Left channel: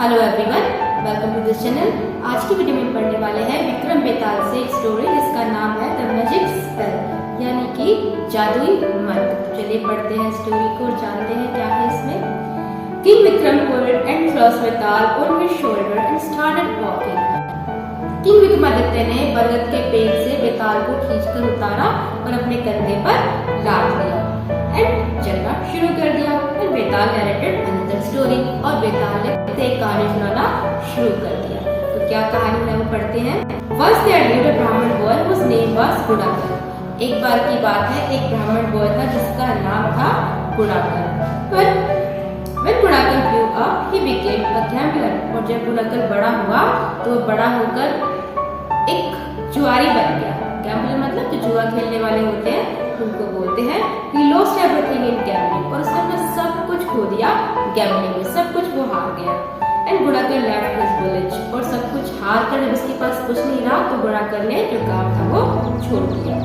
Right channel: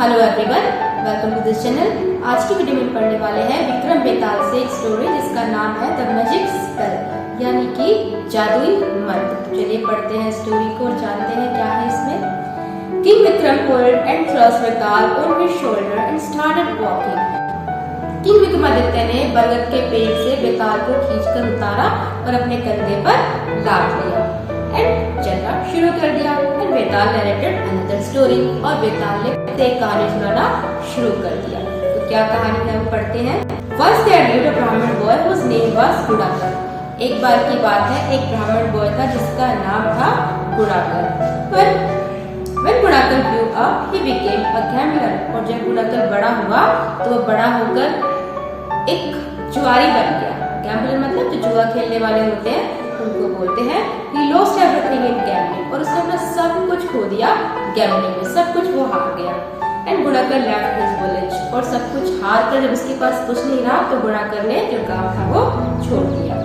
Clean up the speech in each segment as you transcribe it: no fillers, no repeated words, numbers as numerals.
Hello everyone, welcome to this channel. आज की video में पढ़ने वाले हैं विक्रम बेताल से एक स्टोरी जिसका नाम है द मैजिक स्पेल, यानी कि जादुई मंत्र। तो चलिए पढ़ते हैं स्टोरी को और जानते हैं क्या है इसमें। King Vikram pulled and thrust Betal on his shoulder and started walking। King Vikramaditya ने बरगद के पेड़ से बेताल को खींचकर उतारा और अपने कंधे पर लाद लिया एंड चलना शुरू कर दिया। And Betal narrated another story, और बेताल ने एक कहानी सुनाना शुरू कर दिया। तो क्या कहानी है वो पढ़ते हैं। Once there lived a Brahmin boy whose name was Gunakar. एक बार की बात है, एक ब्राह्मण बॉय था जिसका नाम था Gunakar. When Gunakar grew up, he became a gambler। और जब गुणाकर बड़ा हुआ तो वो बड़ा होकर एक जुआरी बन गया। गैम्बलर मतलब जो जुआ खेलने वाले होते हैं उनको बोलते हैं। He lost everything in gambling। और उसने अपना सब कुछ खो दिया गैम्बलिंग में, सब कुछ वो हार गया। And Gunakar left his village। और सब कुछ हार कर जब उसके पास कुछ नहीं रहा तो गुणाकर ने जो गांव था वो छोड़ दिया।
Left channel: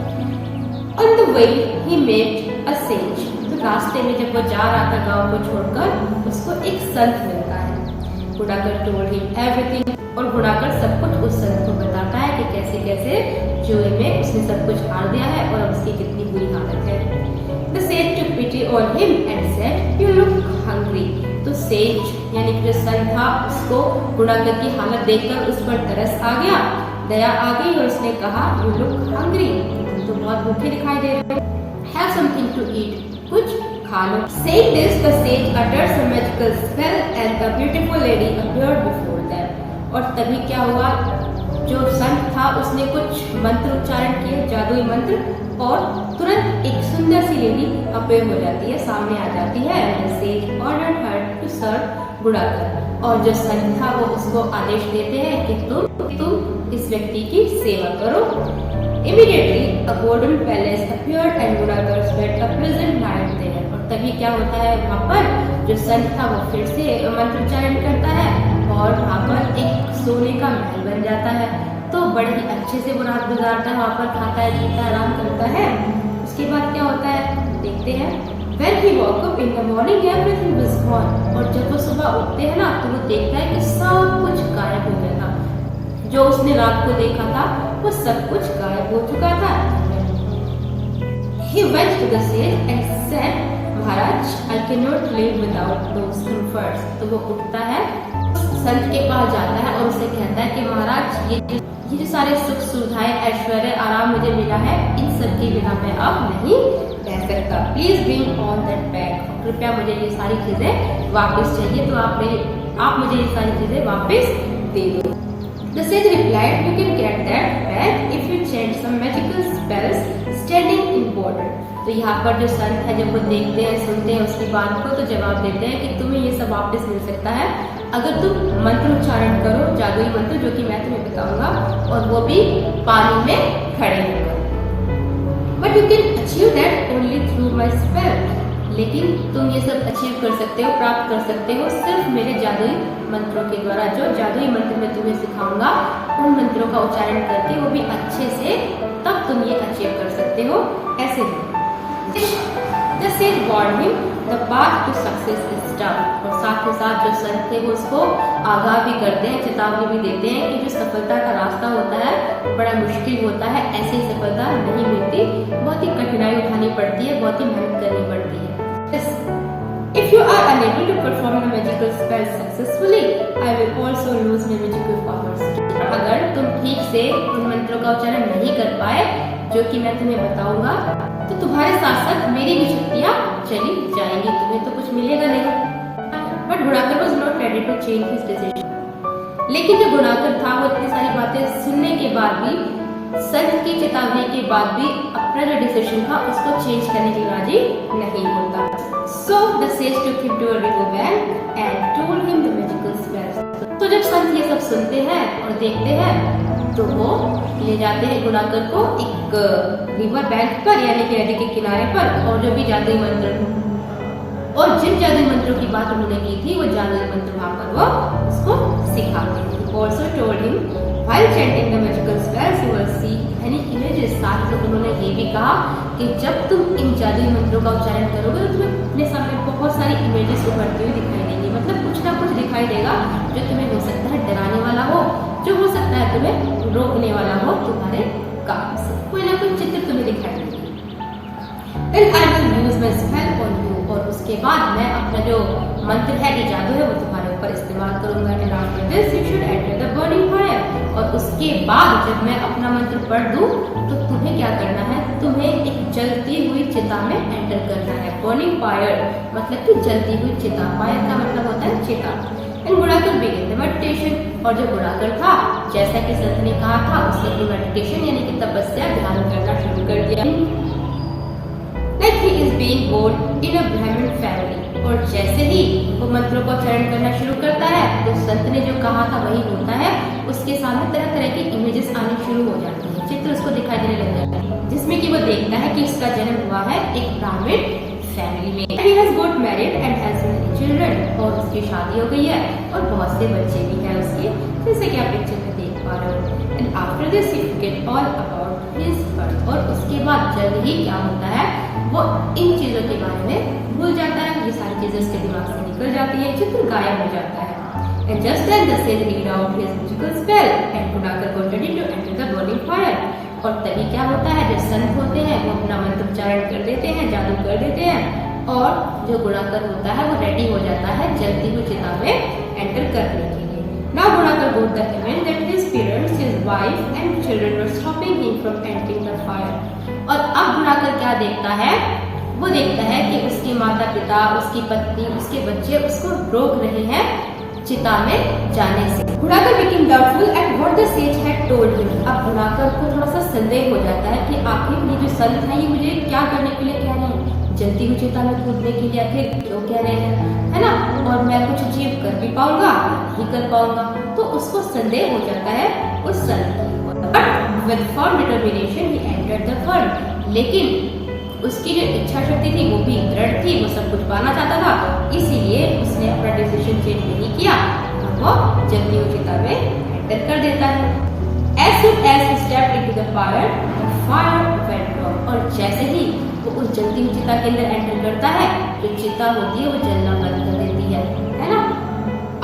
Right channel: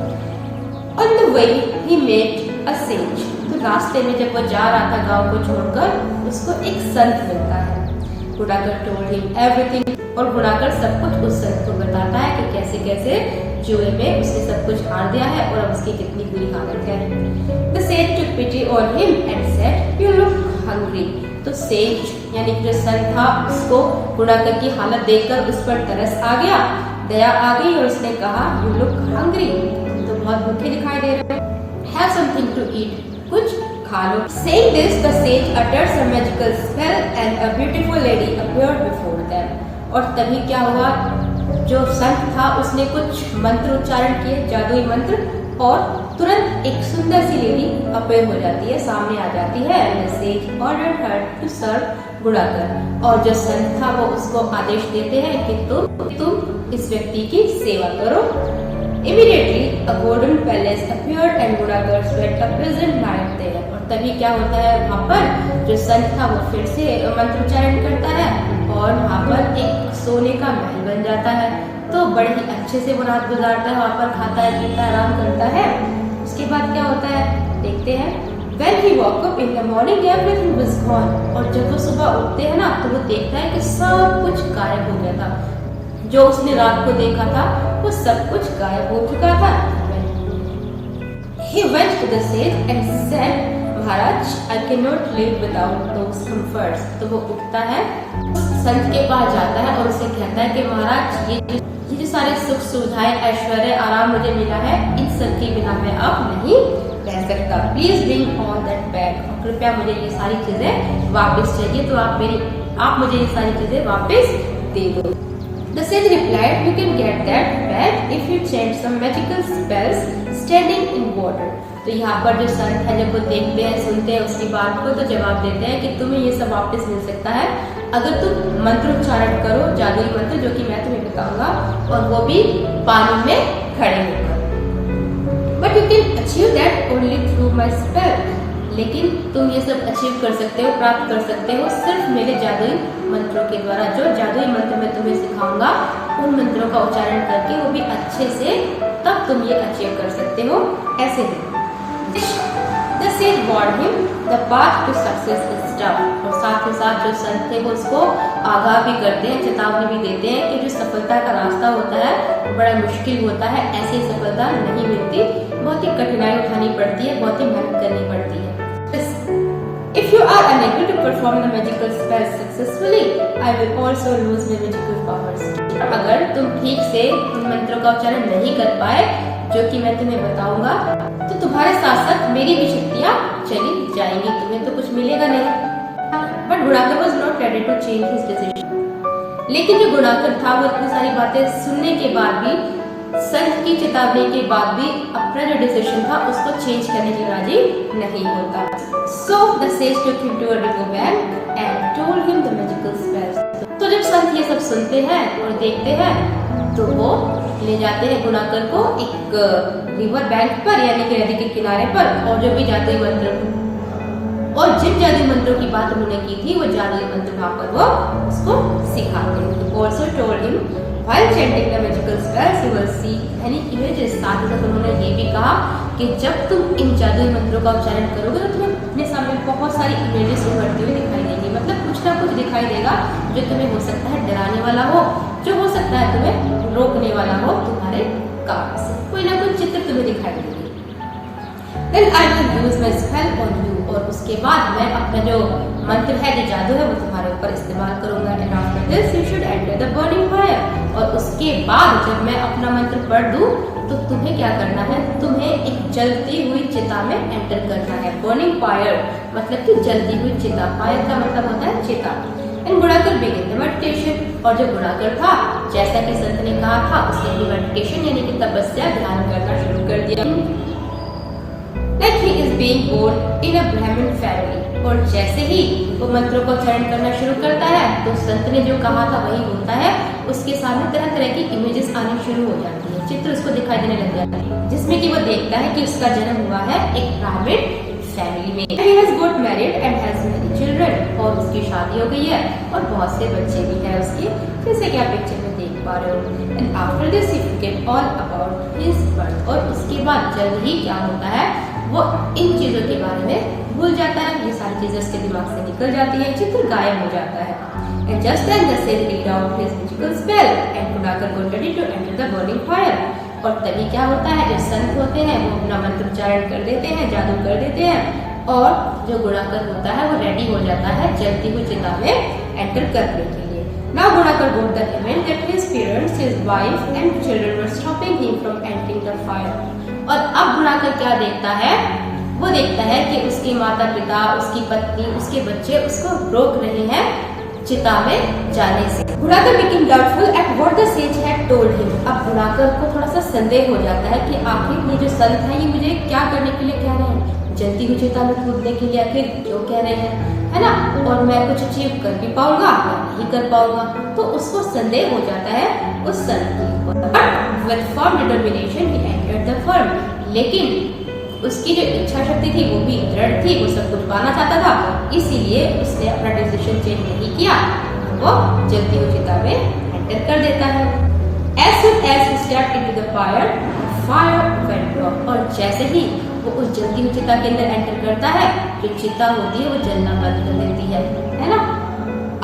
On the way he met a sage। तो रास्ते में जब वो जा रहा था गांव को छोड़कर उसको एक संत मिलता है। Gunakar told him everything। और गुणाकर सब कुछ उस संत को बताता है कि कैसे कैसे जुए में उसने सब कुछ हार दिया है और अब उसकी कितनी बुरी हालत है। The sage took pity on him and said, "You look hungry।" तो सेज यानी कि जो संत था उसको गुणाकर की हालत देखकर उस पर तरस आ गया, दया आ गई और उसने कहा, "You look hungry।" तो बहुत भूखे दिखाई दे रहे हो। Have something to eat। कुछ खा लो। Saying this, the sage uttered some magical spell and a beautiful lady appeared before them। और तभी क्या हुआ, जो संत था उसने कुछ मंत्र उच्चारण किए, जादुई मंत्र, और तुरंत एक सुंदर सी लेडी अपीयर हो जाती है, सामने आ जाती है। Sage ordered her to serve Gunakar. और जो संत था वो उसको आदेश देते हैं कि तुम इस व्यक्ति की सेवा करो। Immediately a golden palace appeared and Gunakar spent a pleasant night there। और तभी क्या होता है, वहाँ पर जो संत था वो फिर से मंत्रोच्चारण करता है और वहाँ पर एक सोने का महल बन जाता है। तो बड़े ही अच्छे से वो रात गुजारता है, वहाँ पर खाता है, पीता है, आराम करता है। उसके बाद क्या होता है देखते हैं। When he woke up in the morning everything was gone। और जब वो सुबह उठते हैं ना तो वो देखता है कि सब कुछ गायब हो गया था। जो उसने रात को देखा था वो सब कुछ गायब हो चुका था। He went to the sage and said, "Maharaj, I cannot live without those comforts।" तो वो उठता है, संत के पास जाता है और उसे कहता है कि महाराज ये जो सारे सुख सुविधाएं, ऐश्वर्य, आराम मुझे मिला है, इन सब के बिना मैं अब नहीं रह सकता। Please bring all that back. और कृपया मुझे ये सारी चीजें वापस चाहिए, तो आप मुझे ये सारी चीजें वापस दे दो। The sage replied, "You can get that back if you chant some magical spells standing in water।" तो यहाँ पर जो संत है जब वो देखते हैं, सुनते हैं उसकी बात को, तो जवाब देते हैं कि तुम्हें ये सब वापस मिल सकता है अगर तुम मंत्र उच्चारण करो, जादुई मंत्र जो कि मैं तुम्हें बताऊंगा, और वो भी पानी में खड़े होकर। But you can achieve that only through my spell। लेकिन तुम ये सब अचीव कर सकते हो, प्राप्त कर सकते हो सिर्फ मेरे जादुई मंत्रों के द्वारा। जो जादुई मंत्र मैं तुम्हें सिखाऊंगा उन मंत्रों का उच्चारण करके, वो भी अच्छे से, तब तुम ये अचीव कर सकते हो। ऐसे ही The sage warned him, the path to success is tough। और साथ ही साथ जो संत थे वो उसको आगाह भी करते हैं, चेतावनी भी देते हैं कि जो सफलता का रास्ता होता है बड़ा मुश्किल होता है, ऐसी सफलता नहीं मिलती, बहुत ही कठिनाई उठानी पड़ती है, बहुत ही मेहनत करनी पड़ती है। If you are unable to perform the magical spell successfully, I will also lose my magical powers। अगर तुम ठीक से उन मंत्रों का उच्चारण नहीं कर पाए जो कि मैं तुम्हें बताऊंगा, तो तुम्हारे साथ साथ मेरी भी शक्तियाँ चली जाएंगी, तुम्हें तो कुछ मिलेगा नहीं। But Gunakar was not ready to change his decision। लेकिन जो गुणाकर था वो इतनी सारी बातें सुनने के बाद भी, संत की चेतावनी के बाद भी अपना जो डिसीजन था उसको चेंज करने के राजी नहीं होता। So the sage took him to a river bank and told him the magical spells। तो जब संत ये सब सुनते हैं और देखते हैं तो वो ले जाते हैं गुणाकर को एक रिवर बैंक पर, यानी कि नदी के किनारे पर, और जो भी जादुई मंत्र और जिन जादुई मंत्रों की बात उन्होंने की थी वो जादुई मंत्र वहां पर वो उसको सिखाते हैं। Also told him while chanting the magical spells you will see many images। साथ ही साथ उन्होंने ये भी कहा कि जब तुम इन जादुई मंत्रों का उच्चारण करोगे तो तुम्हें अपने सामने बहुत सारी इमेजेस उभरती हुई दिखाई देंगी। मतलब कुछ ना कुछ दिखाई देगा जो तुम्हें हो सकता है डराने वाला हो, जो हो सकता है तुम्हें रोकने वाला हो तुम्हारे काम से। कोई ना कोई चित्र तुम्हें दिखाई देगी। Then I will use my spell on you, और उसके बाद मैं अपना जो मंत्र है, जो जादू है, वो तुम्हारे ऊपर इस्तेमाल करूंगा। And after this you should enter the burning fire, और उसके बाद जब मैं अपना मंत्र पढ़ दूं तो तुम्हें क्या करना है, तुम्हें एक जलती हुई चिता में एंटर करना है। बर्निंग फायर मतलब कि जलती हुई चिता, फायर का मतलब होता है चिता। And Gunakar begin the meditation, और जो गुणाकर था जैसा कि संत ने कहा था उसने अपनी मेडिटेशन यानी कि तपस्या ध्यान करना शुरू कर दिया। Like he is being born in a Brahmin family, और जैसे ही वो मंत्रों को उच्चारण करना शुरू करता है तो संत ने जो कहा था वही होता है। उसके सामने तरह तरह की इमेजेस आनी शुरू हो जाती है, चित्र उसको दिखाई देने लग जाते हैं, जिसमें कि वो देखता है कि उसका जन्म हुआ है एक ब्राह्मण फैमिली में। He has got married and has many children, और उसकी शादी हो गई है और बहुत से बच्चे भी हैं उसके, जैसे कि आप पिक्चर में देख पा रहे हो। And after this he forget all about his birth, और उसके बाद जल्द ही क्या होता है, वो इन चीजों के बारे में भूल जाता है। ये सारी चीजें उसके दिमाग से निकल जाती है, चित्र गायब हो जाता है। And just then the sage read out his magical spell and Gunakar got ready to enter the burning fire, और तभी क्या होता है, जो संत होते हैं वो अपना मंत्र उच्चारण कर देते हैं, जादू कर देते हैं, और जो गुणाकर होता है वो रेडी हो जाता है जलती हुई चिता में एंटर करने के लिए। Now Gunakar got the event that his parents, his wife and children were stopping him from entering the fire, और अब गुणाकर क्या देखता है, वो देखता है कि उसके माता पिता, उसकी पत्नी, उसके बच्चे उसको रोक रहे हैं चिता में जाने से। Gunakar became doubtful at what the sage had told him, अब गुणाकर को थोड़ा सा संदेह हो जाता है कि आखिर ये जो संत है ये मुझे क्या करने के लिए कह रहे हैं, जलती हुई चिता में कूदने के लिए आखिर क्यों कह रहे हैं, है ना, और मैं कुछ अचीव कर भी पाऊंगा या नहीं कर पाऊंगा। तो उसको संदेह हो जाता है उस संत के ऊपर। But with firm determination he entered the firm, लेकिन उसकी जो इच्छा शक्ति थी वो भी दृढ़ थी, वो सब कुछ पाना चाहता था, इसीलिए उसने अपना डिसीजन चेंज नहीं किया, वो जलती हुई चिता में एंटर कर देता है। As soon as he stepped into the fire, fire went off, और जैसे ही वो उस जलती हुई चिता के अंदर एंटर करता है, जो चिता होती है वो जलना बंद कर देती है ना,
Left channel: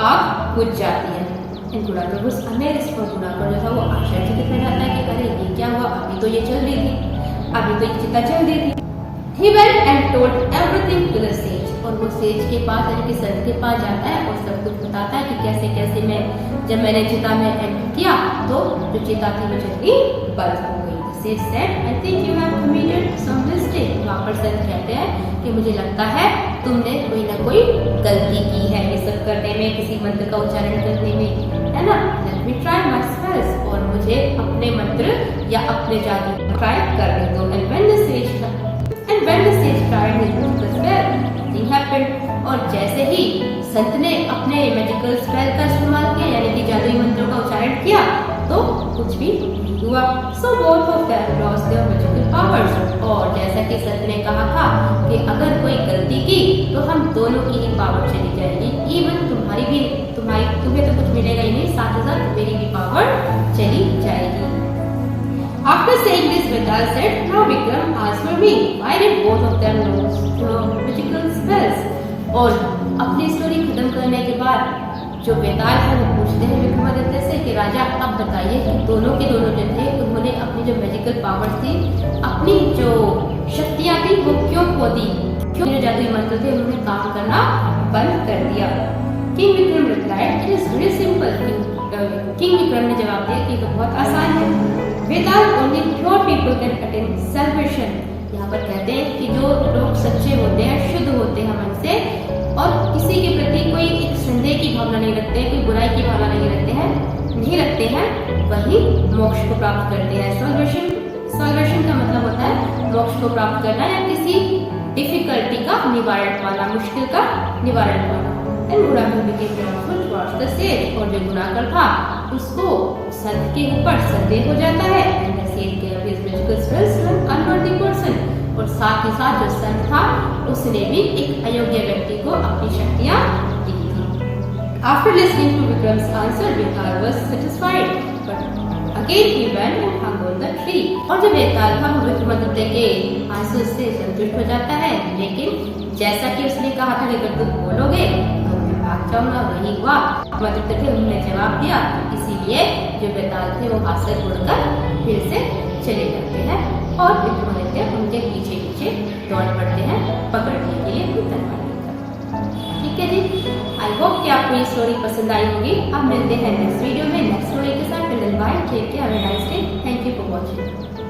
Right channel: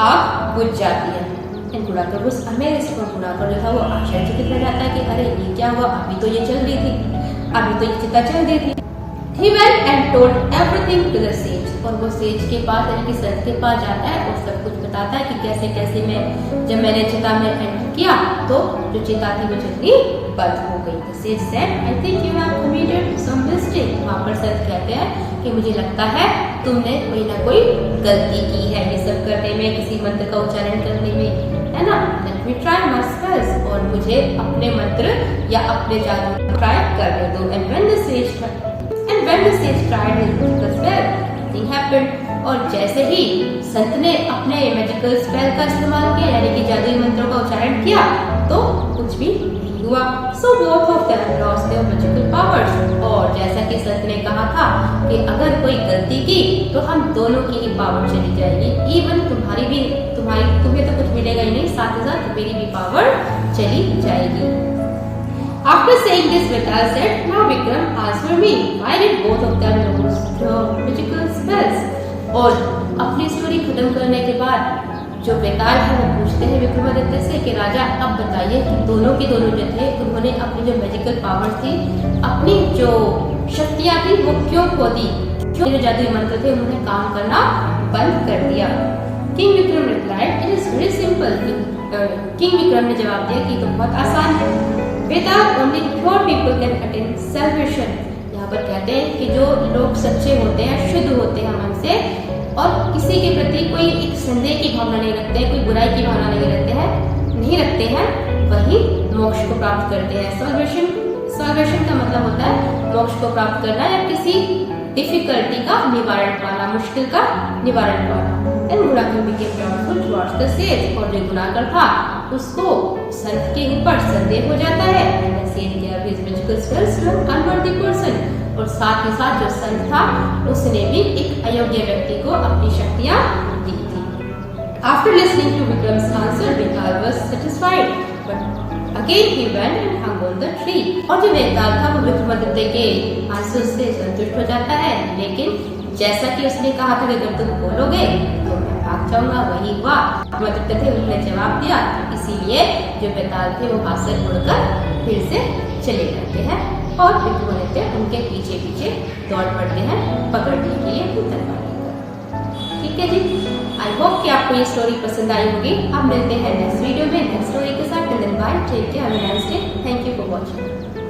आग बुझ जाती है। गुणाकर was amazed, और गुणाकर जो था वो आश्चर्यचकित रह जाता है कि अरे ये क्या हुआ, अभी तो ये चल रही थी, अभी तो ये चिता चल रही थी। He went and told everything to the sage, और वो सेज के पास यानी कि संत के पास जाता है और सब कुछ बताता है कि कैसे कैसे मैं जब मैंने चिता में एंटर किया तो जो चिता थी वो जल्दी बंद हो गई। The sage said, I think you have committed some mistake, वहाँ पर संत कहते हैं कि मुझे लगता है तुमने कोई ना कोई गलती की है ये सब करने में, किसी मंत्र का उच्चारण करने में, है ना। Let me try my spells, और मुझे अपने मंत्र या अपने जादू ट्राई करने दो। And when the sage tried his magical spell, nothing happened, और जैसे ही संत ने अपने मैजिकल स्पेल का इस्तेमाल किया यानी कि जादुई मंत्रों का उच्चारण किया तो कुछ भी नहीं हुआ। So both of them lost their magical powers, और जैसा कि संत ने कहा था कि अगर कोई गलती की तो हम दोनों की ही पावर चली जाएगी, इवन तुम्हें तो कुछ मिलेगा ही नहीं, साथ ही साथ मेरी भी पावर चली जाएगी। After saying this, Vital said, "Now Vikram, answer me. Why did both of them lose the magical spells?" और अपनी स्टोरी खत्म करने के बाद जो वेताल है वो पूछते हैं विक्रमादित्य से कि राजा अब बताइए कि दोनों के दोनों जो थे उन्होंने अपनी जो मैजिकल पावर थी, अपनी जो शक्तियाँ थी वो क्यों खो दी, क्यों जो जादुई मंत्र थे उन्होंने काम करना बंद कर दिया। King Vikram replied, "it is very simple." King Vikram ने जवाब दिया कि तो बहुत आसान है। Without only pure people can attain salvation, यहाँ पर कहते हैं कि जो लोग सच्चे होते हैं, शुद्ध होते हैं मन से और किसी के प्रति कोई एक संदेह की भावना नहीं रखते हैं, कोई बुराई की भावना नहीं रखते हैं, वही मोक्ष को प्राप्त करते हैं। सॉल्वेशन का मतलब होता है मोक्ष को प्राप्त करना या किसी डिफिकल्टी का निवारण पाना, मुश्किल का निवारण पाना। And Gunakar became doubtful towards the sage, और जो गुणाकर था उसको संत के ऊपर संदेह हो जाता है। And the sage gave his magical spells to an unworthy person, और साथ ही साथ जो संत था उसने भी एक अयोग्य व्यक्ति को अपनी शक्तियाँ दी थी। After listening to Vikram's answer, Vital was satisfied, but Again he went and hung on the tree. और जो बेताल था वो विक्रमादित्य के आंसू से संतुष्ट हो जाता है, लेकिन जैसा कि उसने कहा था कि अगर तुम बोलोगे तो मैं भाग जाऊंगा, वही हुआ। विक्रमादित्य थे उन्होंने जवाब दिया, इसीलिए जो बेताल थे वो हाथ से उड़कर फिर से चले जाते हैं और विक्रमादित्य उनके पीछे पीछे दौड़ पड़ते हैं पकड़ने के लिए अपनी तलवार लेकर। ठीक है जी, आई होप कि आपको ये स्टोरी पसंद आई होगी। अब मिलते हैं नेक्स्ट वीडियो में नेक्स्ट स्टोरी के साथ। Till then bye, take care, have a nice day, thank you for watching.